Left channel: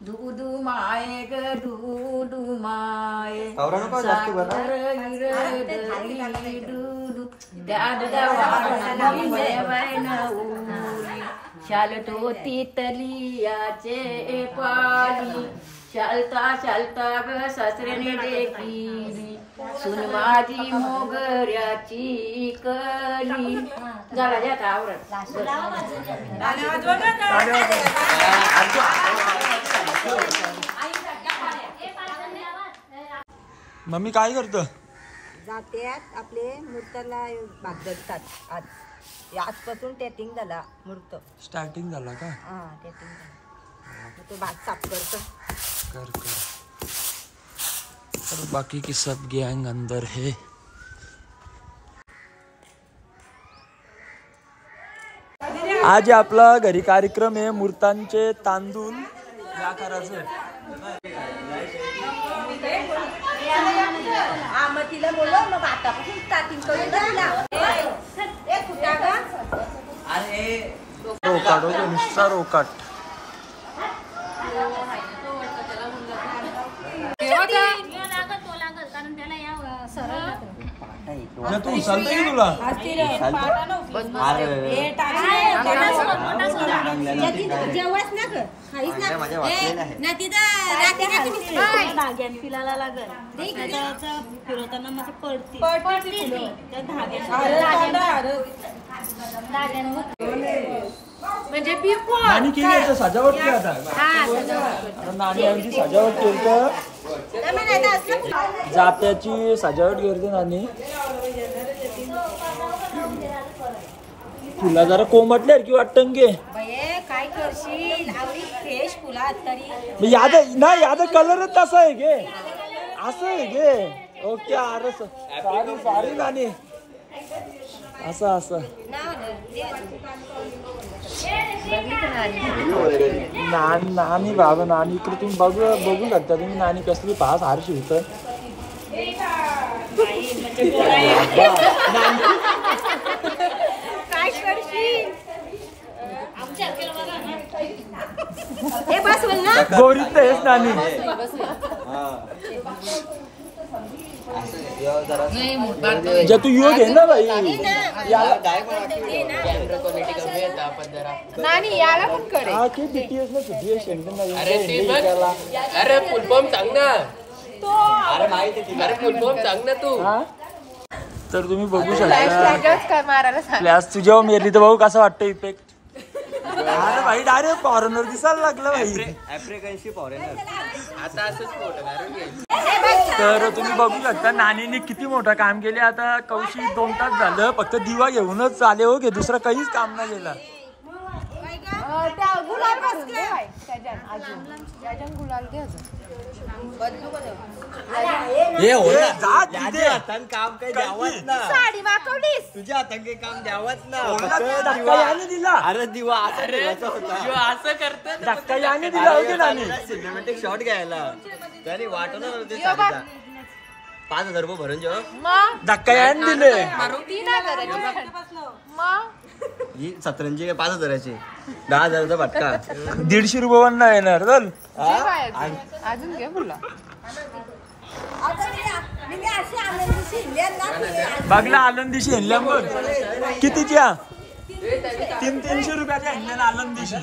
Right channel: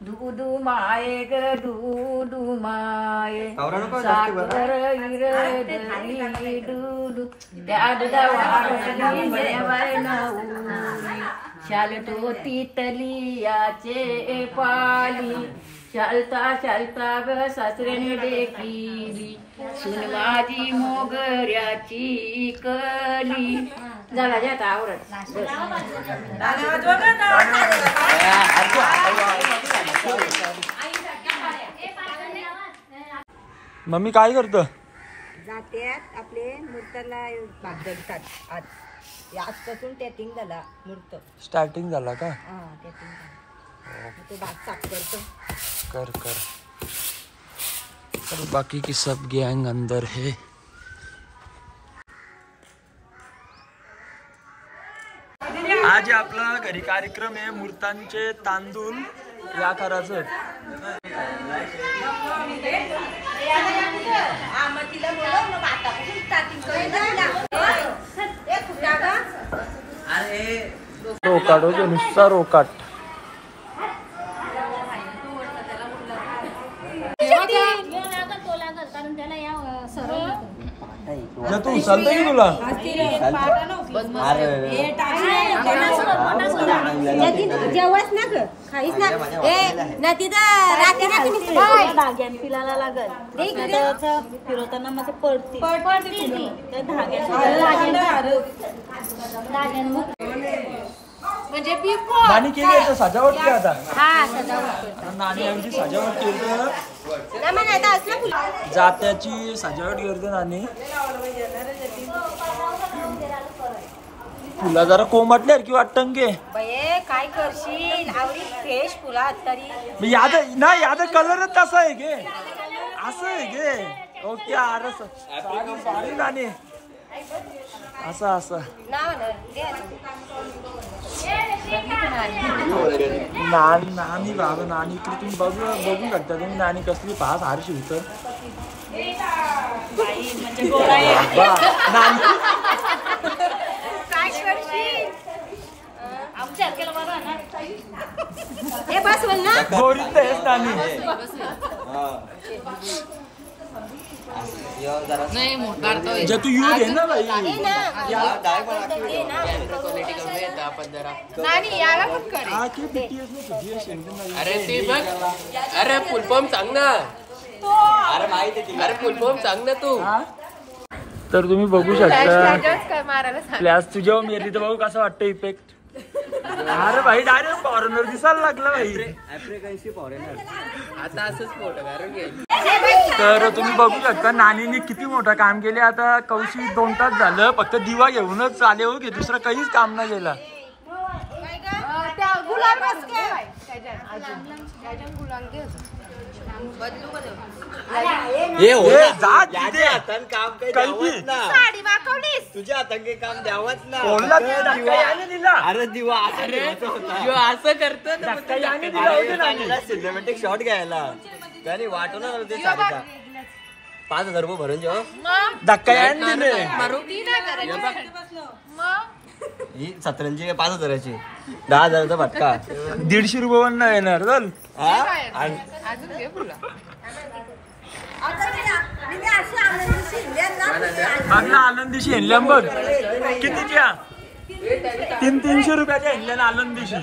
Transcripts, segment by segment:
दूधू माये ग दूधू माये साखर इरदली दूधू त्या दुधावारली शाल टोती तलियाचे पाली चालता चालता ग सासरेने देखिली सुन माझी मोगऱ्याची कली झाला जात आवडत मम्मी काय करतो जात्यात आपले मूर्ताला बागदतात आज आजपासून टेटिंग झाला मूर्त स्टार्टिंग झाला का हा टेटिंग झाला तो भात साफ करतो कर और बाकी की सब गैंग अंदर है। आज आपला घरी कार्यक्रम आहे मूर्तांचे तांदूळ या करायचं रोकाट होतो नुसता रोकाट तू उचलता की तुला जेवच ना ग खाईच ना तिथं धाग्यान पिलाला लागल फिरवताना मग पडते त्या धाग्यान म्हणजे नानी केली आता सजावट करता हा सजावट नानी आमची सजावट केली जात्याची सजावट करते नानी फुला जरा कोमटल्यार की वाटतं गे काय करशील आवडी फ्रेश फुला तरी याद नाही याद कलरच तसा आहे गे असं आहे गे ओके अरे सॉरी सॉरी नानी असं असं नानी बाबा नानी इकडे तुम्ही बघू शकता तुम्ही नानी कसली पास हारशी होत गोरीत नाहीच नानी जे तू योग आहे ना भाई अरे फुलपॉम सांग ना तू तर तुम्ही बघू शकता प्लॅस तुझ्यावर मेरली तर बघू कसं वाटतं इफेक्ट अरे भाई डायरेक्ट फॉरेनर दिसायला लागलं भाई आफ्रिकनशी फॉरेनर आता असंच तर तुम्ही बघू शकता नानीने किती मोठं काम केले आता कौशी 2 तास झालं फक्त दिवा घेऊनच आले हो गे दुसरं काहीच काम नाही केलं तुझ्या हातांनी काम द्यावंच ना अरे दिवा असं करत सिनेमॅटिक शॉट घ्यायला त्याने वाटणार 5,000 रुपये भरून जेव्हा धक्का याने दिले ही सतरंजी 5,000ची 10,000चा भटका 150 रुपये पण नाही येणार चल बघला आनंदीशी हेनल्या बघ कितीच्या 300 रुपयाच्या हेनल्या आनंदीशी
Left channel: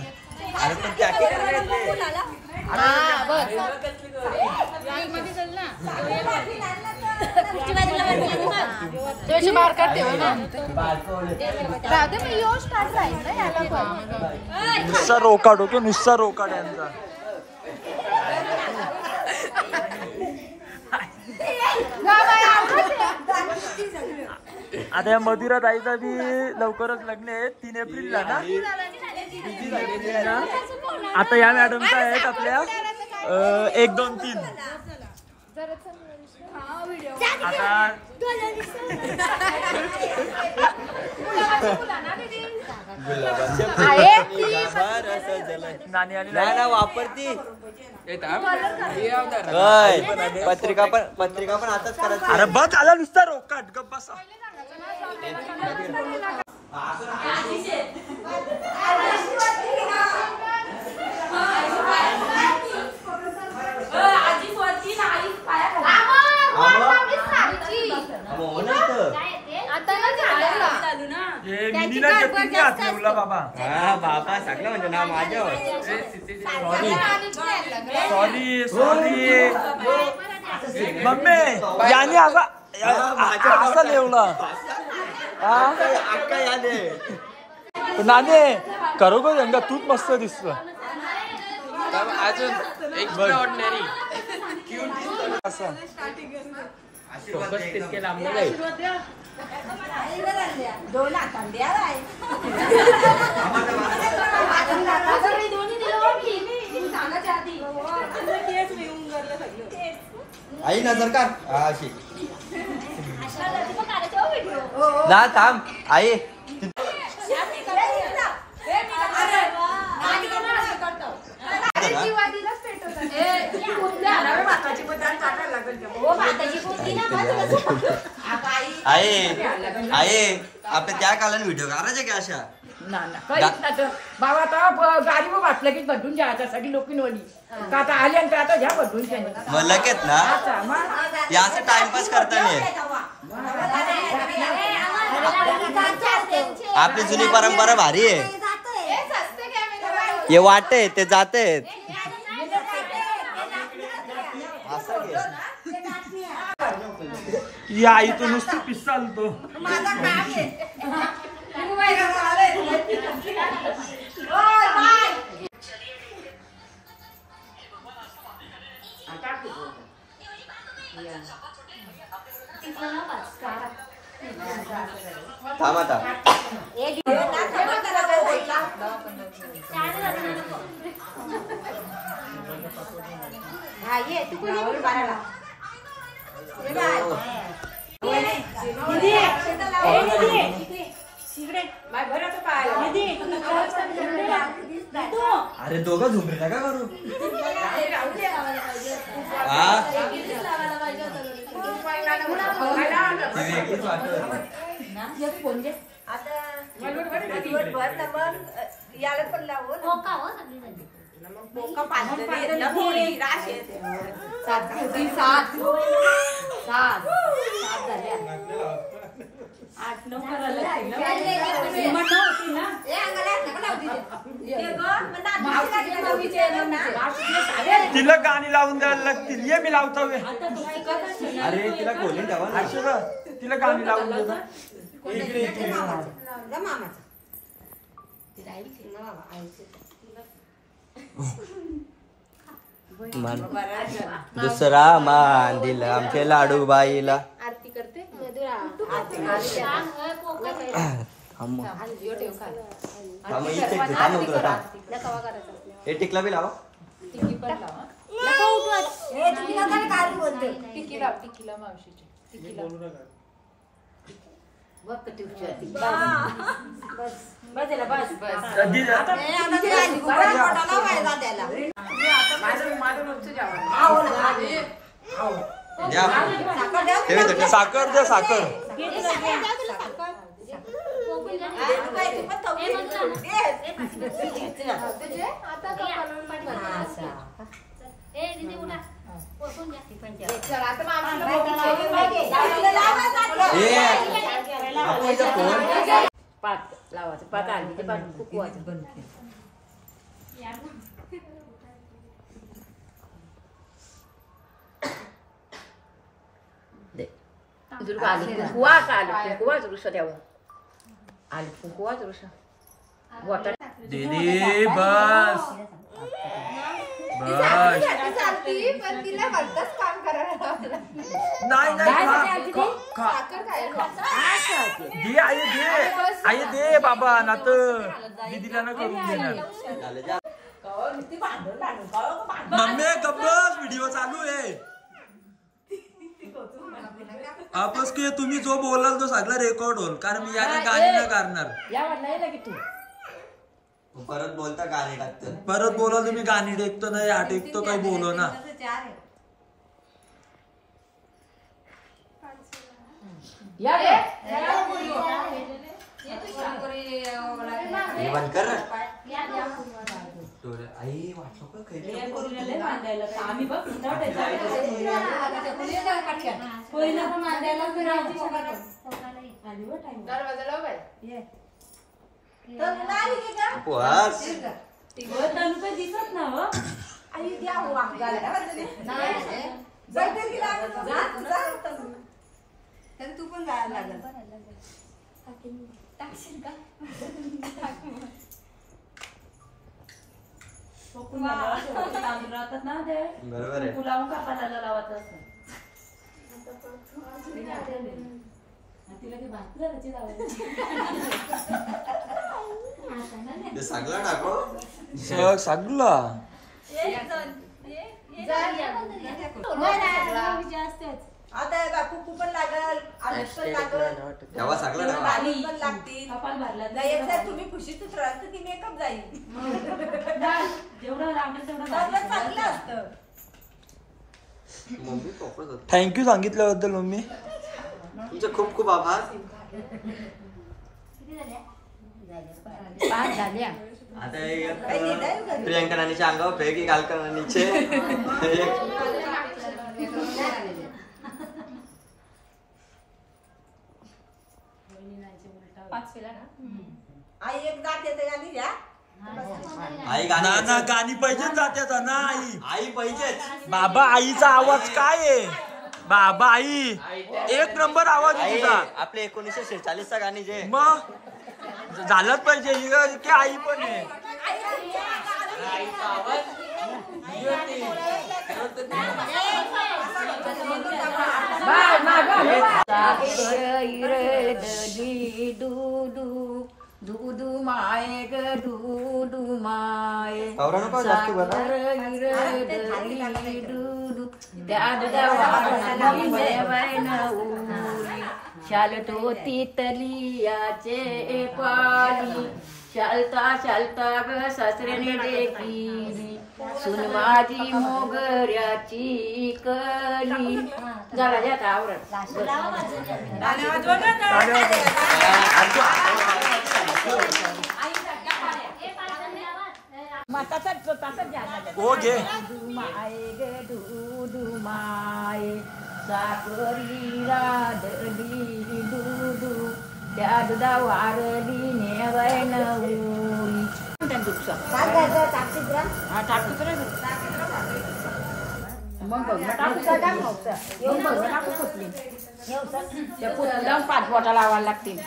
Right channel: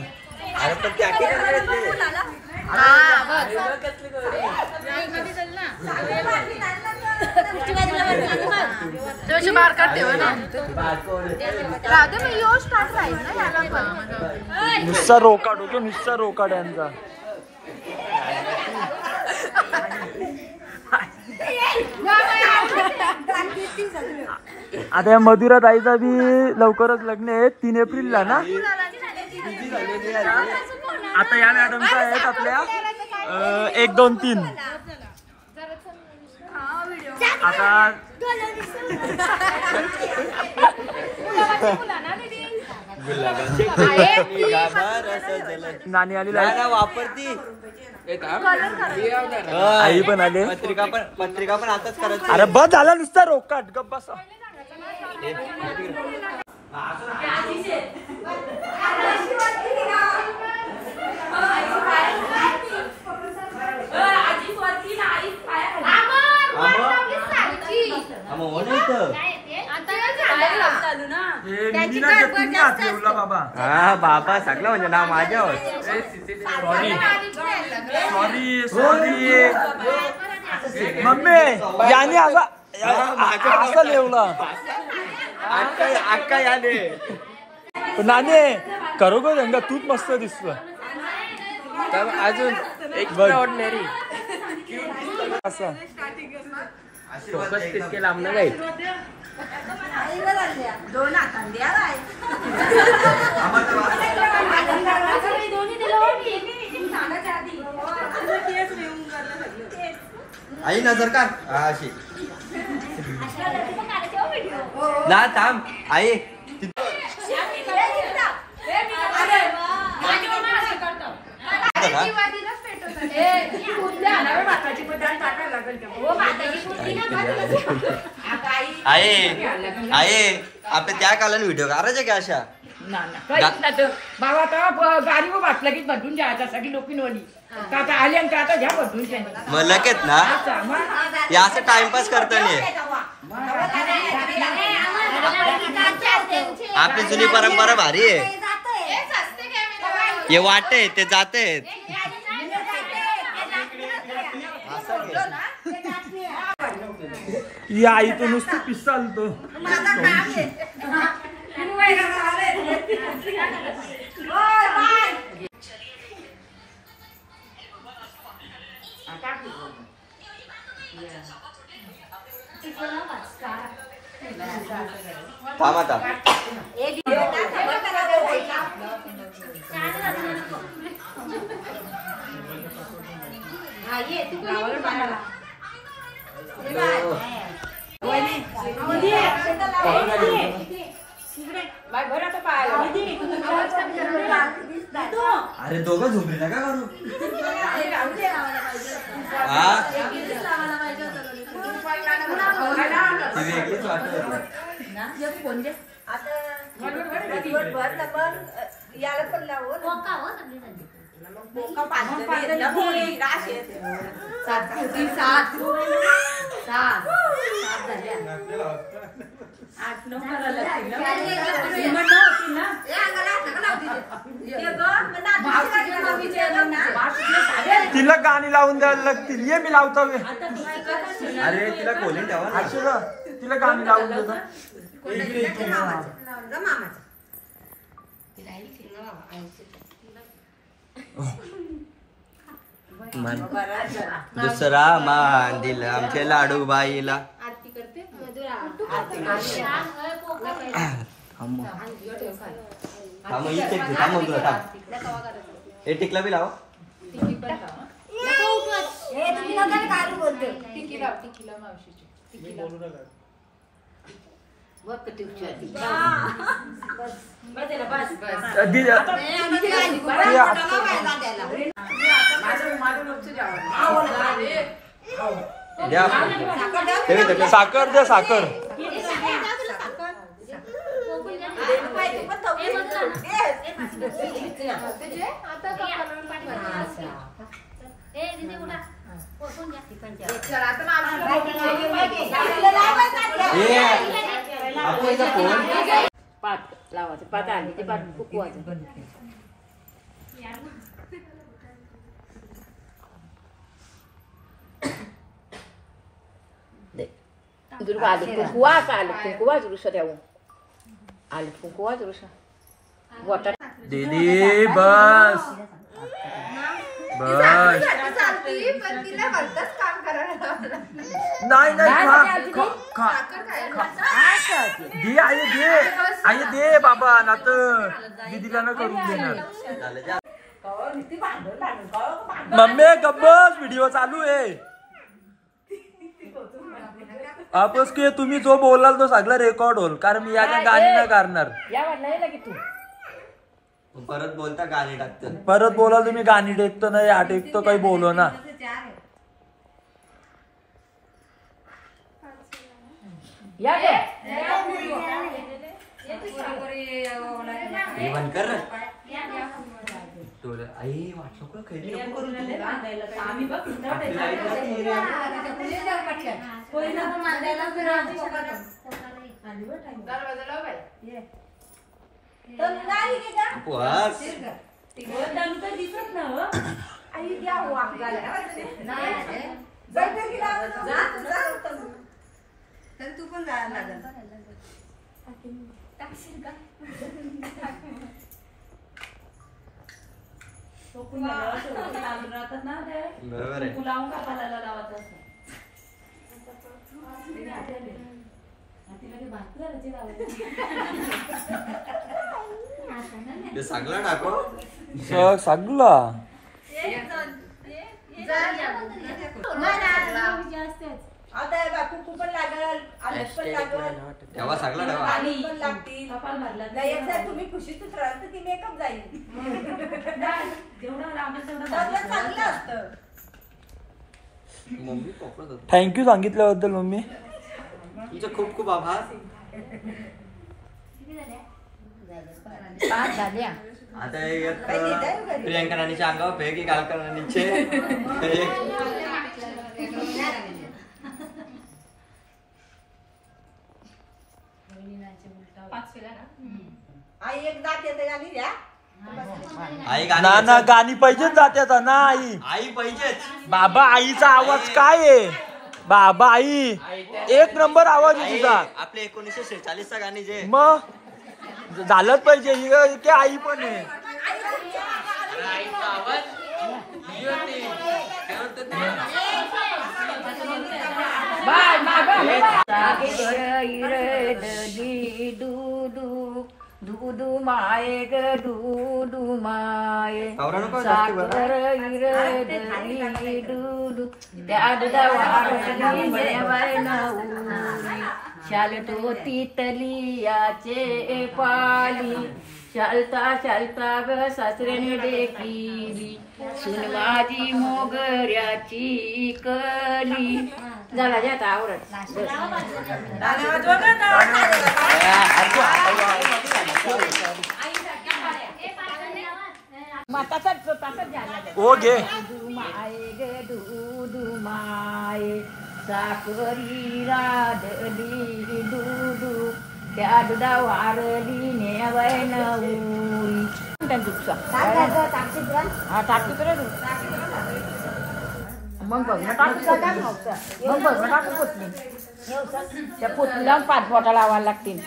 नुसता रोकाट ओके नुसता रोकाट यांचा आता या मधुरा ताईचा बी लवकरच लग्न आहे 3 एप्रिलला ना आता या मॅडमचा आहेत आपल्या 1, 2, 3 आता नानी आली वापरती पत्रिका पण आताच करत अरे बस झाला नुसता रोकाट गप बसा बाबा हा बाबा सगळं म्हणजे नाव माझ्यावर. सॉरी सॉरी मम्मी याने असं लिवला अक्का यादे नाने करू गो गंगा तूच मस्त दिसतो अजून बघ असं दोन हातान द्या बाई. आई नजर का अशी ना थांब आई आहे आपल्या त्या कालाने व्हिडिओ करायचे का अशा बाबा आता गाडी वाचला की बदलून जायचा सगळी लोकी नवली का आता आली आणि आता घ्या बदलून मग लगेच ना याचा टाइमपास करता नाही आपली जुनी परंपरा भारी आहे हे वाटते ते जाते या आई तो नुसतं पिसाल तो थांब आता अरे दोघं झुंबरी नका करू याला पण लावून तिला गाणी लावून द्यायला लागतील ये मी लावतो अरे तिला खोलीन ठेवा तिला गाणी लावून देतो दुसरा मान दिला आमच्या लाडू बाईला आरती करते हे टिकला बी लावा साखर द्या साखर पात लावायचं पात आली ते पात फुकवायचं दीदी बस बस नाही नाही दे आई दे आई दे बाबा ना तर दीदीला ना करून देणार मम्मी गब्बस व्हिडिओ चालू आहे आपस की तुम्ही जो बोलाल तो सगळा रेकॉर्ड होईल कारण मी याला गाणी नाही करणार परत बोलता गाणी टाकतं परत बोलाल तुम्ही गाणी टेकतो नाही हा टेकतो काही बोलो ना हे बंद कर आई वाटलं दिसत ना हो आई द्या तर तू पण जायला लागेल टाकशील का राहतात ना ते लावून कापायला लावत असतं तिला काही भात सांगला टाको सांगला आता बापू पण लागल आलस पण लागल तेव्हा सांगला पाणी पण लागतील कपाल भरला नाही एकदा तुम्ही खुशीतच राहाल तर ती मेकअप जाईल जेवढं लागेल तेवढं चांगलं असतं थँक्यू सांगितल्याबद्दल मम्मी तुमचे खूप खूप आभार आता प्रियंका राणीच्या अंगावर फेक गालका राणीचे आई एक जात येते गाली द्या ना ना गाणी पाहिजेच जात्यात ना आई आई पाहिजेच बाबा आईचा आवाज काय आहे बाबा आई एक नंबर आवाज आहे तुझा आपले 1946 चा गाणी जे मग झालंच पाहिजे की आई पण आहे दूधू माये ग दूधू माये साखर इरदली दूधू त्या दुधावारली नेवैनवली शालतो तितलियाचे पाली चालता चालता ग सासऱ्याने देखीली सुन माझी मोगऱ्याची कली जरा येत आवडत ओके माये ग दूधू माये साखरी राधली दूधू त्या दुधा वारली नेवैनवली पाच बोटा लावायला लागतील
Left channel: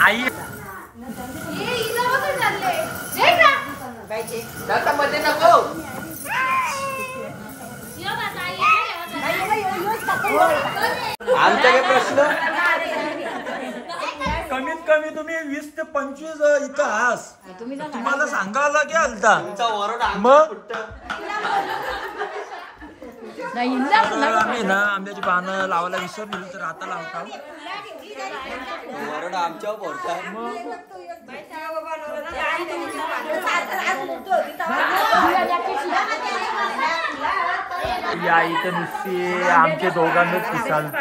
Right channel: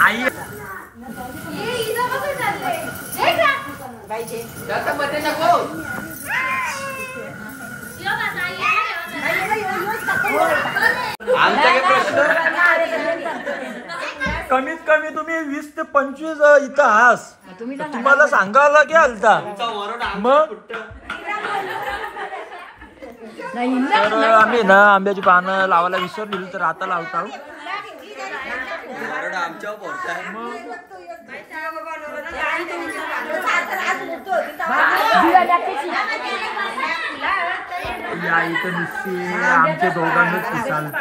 आई कमीत कमी तुम्ही 20 ते 25 इथं आहात तुम्हाला सांगावं लागेल मग तर आम्ही ना आंब्याची पानं लावायला विसरली तर आता लावता आमच्या बोलताय या इथं नुसते आमच्या दोघांनाच विचारत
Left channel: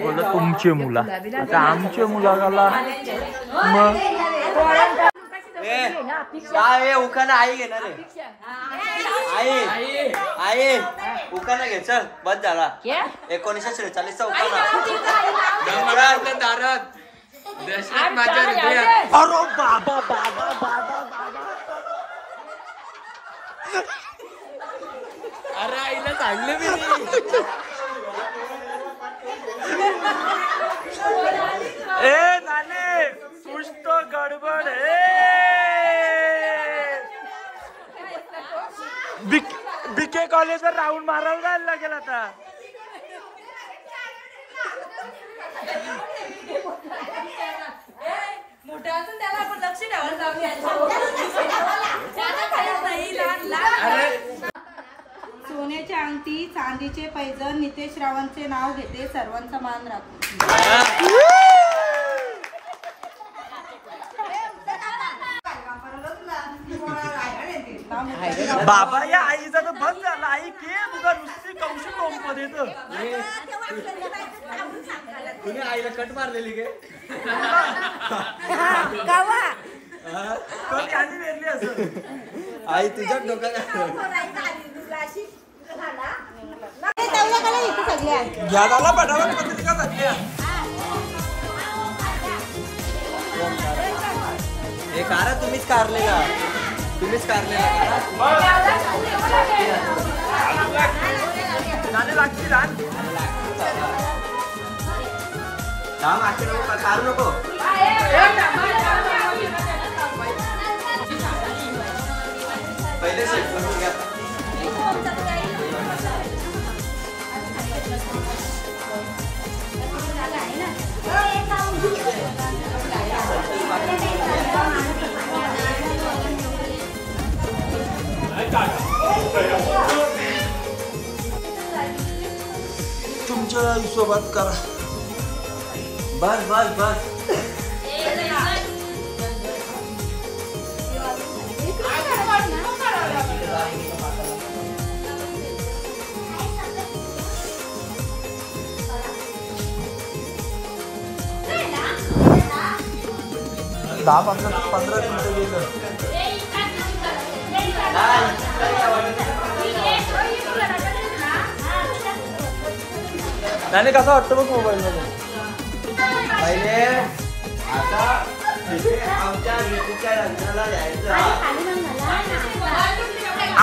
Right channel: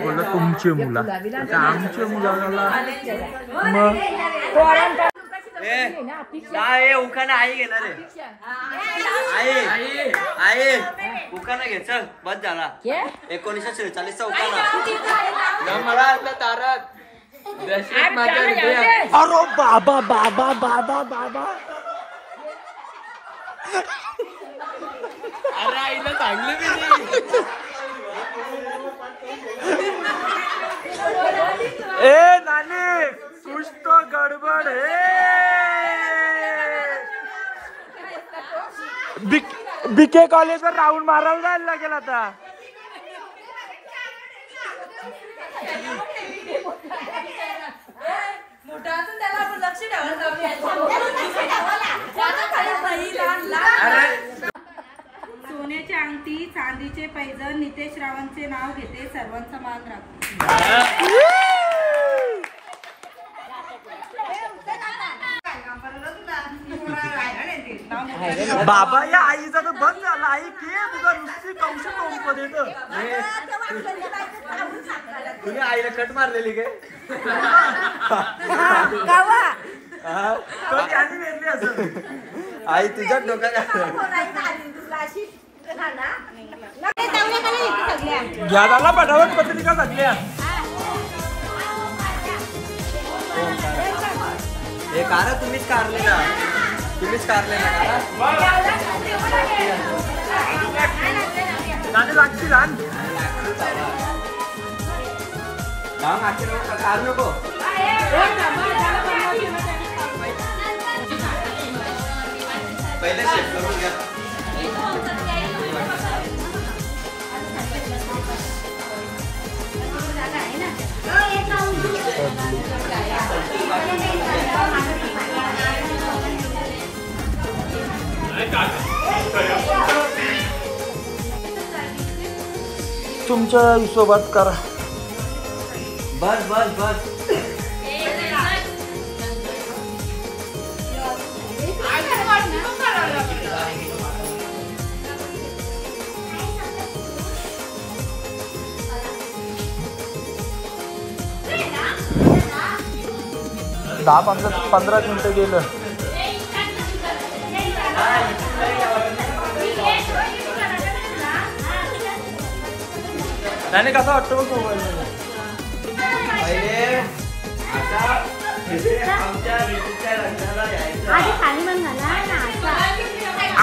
बोलत तुमचे मुला आता आमच्या मुलाला मग उखाना आई घेणार आहे आई आई उखाना घे चल बस झाला 1946 चा उखाना दारात अरे बाबा बाबा बाबा बाबा अरे आईला सांगले की ए नानी कुछ तो गड़बड़ है बीके कॉलेज राउंड मारायला जायला लागेल आता मोठा असून त्याला आपण लक्ष द्यावं सोन्याची अंगठी, चांदीचे पैजण, नितेश रावांचे नाव घेते, सर्वांचा मान राखते. बाबा या आईचा तर बंद झाला. आई के तुझा नुसती कौशल टोमपत येतं. तुम्ही आईला कट मारलेली काय? आई तुझ्या डोक्यात घ्या झाला पटावट पत्रिका सगळ्या. हे कार तुम्हीच कारलेला, तुम्हीच कारलेला कारू नको. पहिले शेप करून घ्या. तुमच्या हिशोबात करा. बस बस बस. दहा 15 मिनिटं गेलं. त्याने कसा वाटतं बघ मोबाईल मध्ये. पहिले आता आमच्या ऋतूच्या लग्नाला यायचं.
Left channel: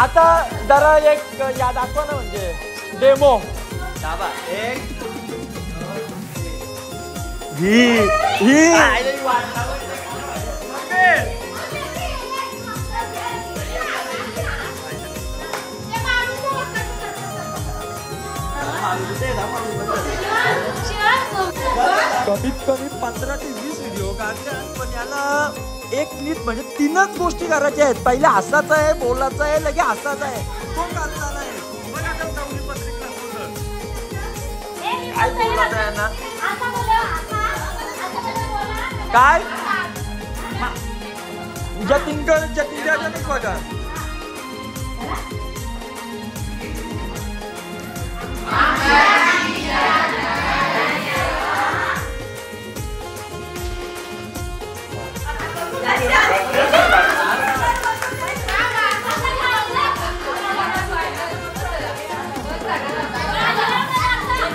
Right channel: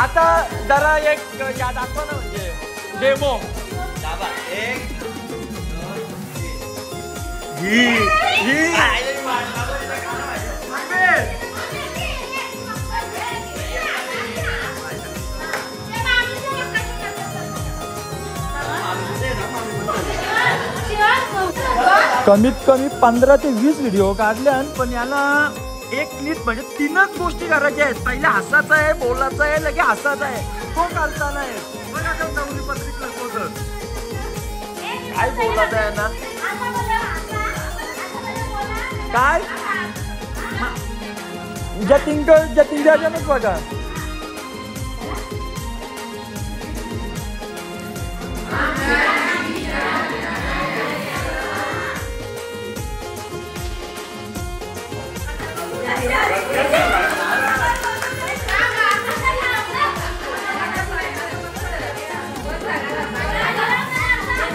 आता जरा एक या दाखवा ना, म्हणजे डेमो. कमीत कमी 15 ते 20 व्हिडिओ काढले, पण याला एक क्लिप म्हणजे 3च गोष्टी करायच्या आहेत. पहिले हसायचं आहे, बोलायचं आहे, लगे हसायचं आहे. तो करता नाही. काय बोलायचं आहे ना, काय जतींच्यानंच बघा.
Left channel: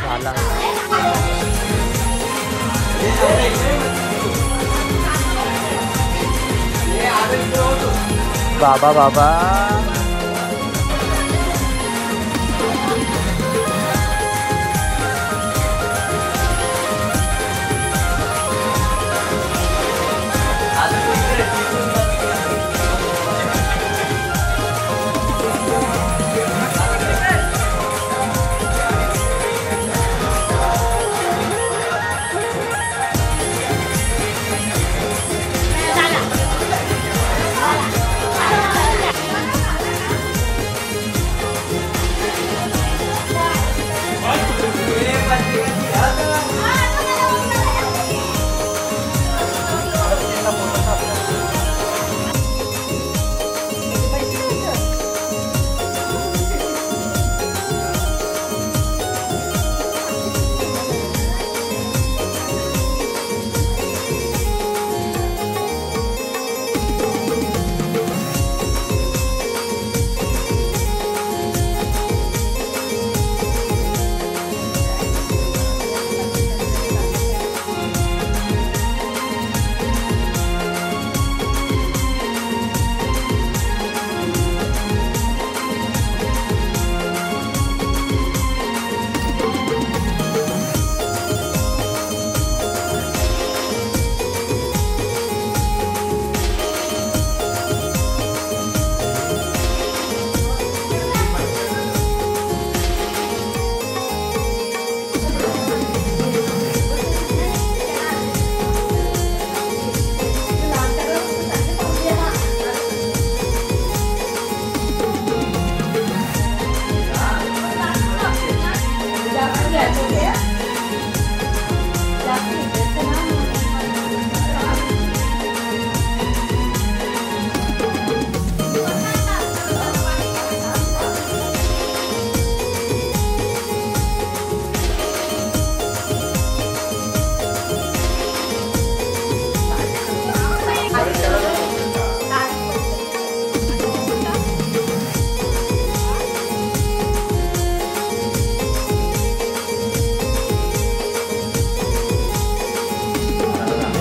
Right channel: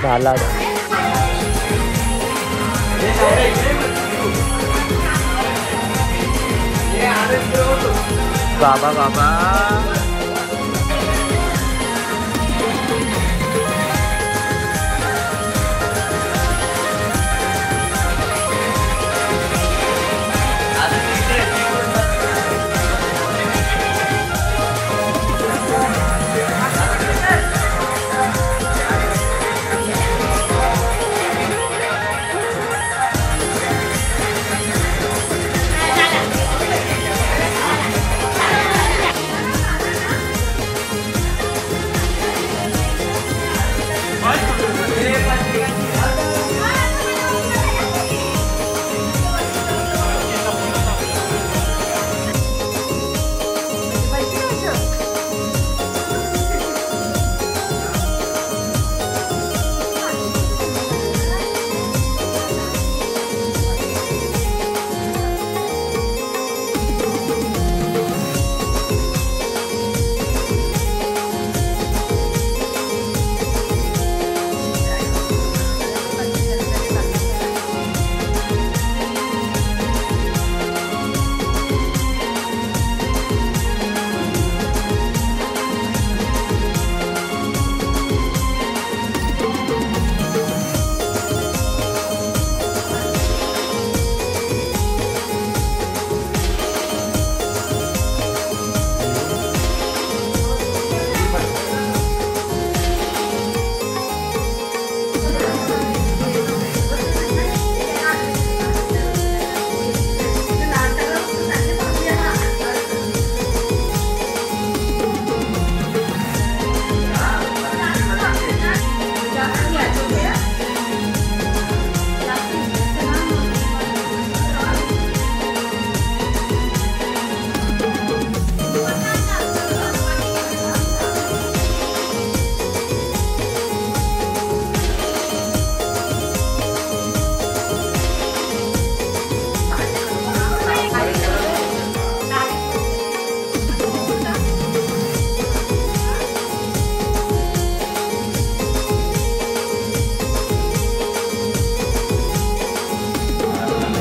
झाला बाबा बाबा.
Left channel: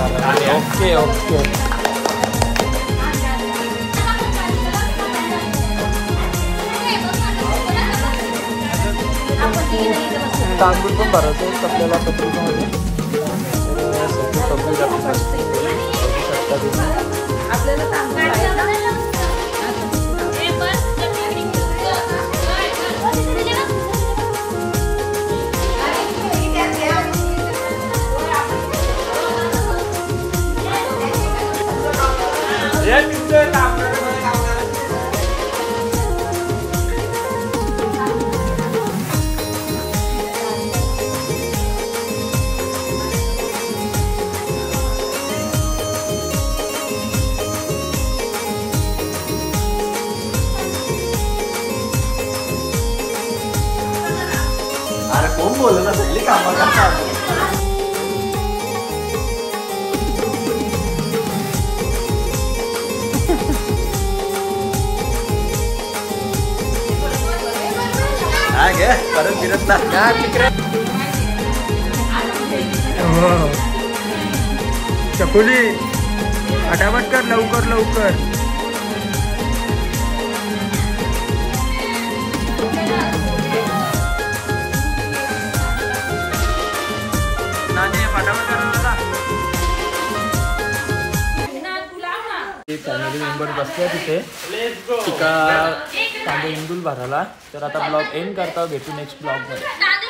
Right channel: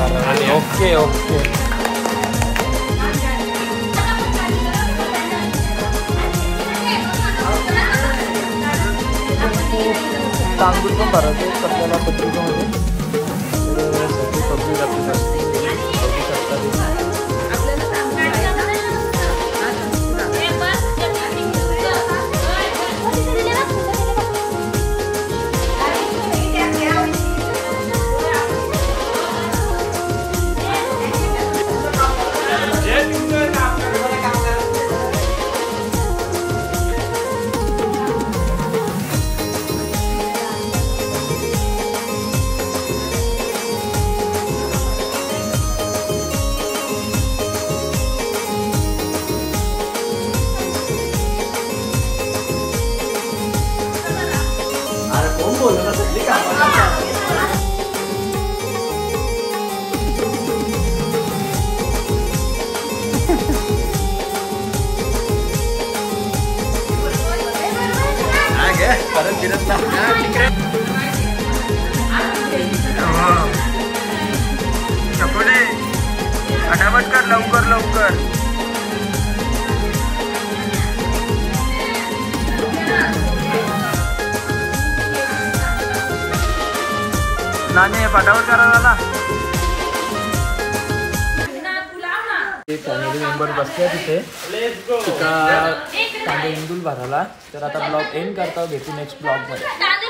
Okay okay. तांदूळ पण भरायचे आपल्याला पत्रिकेमध्ये. सगळी आपली बसली बघू शकता तुम्ही. परत फिरत ना चकुली फटाफट कर लवकर लवकर. नानी फटाफट करा. फॅमिली मेंबर बसले तिथे तिका कांदे इंदूल भरायला. तर आता ब्लॉग एंड करता. भेटू नेक्स्ट ब्लॉग मध्ये.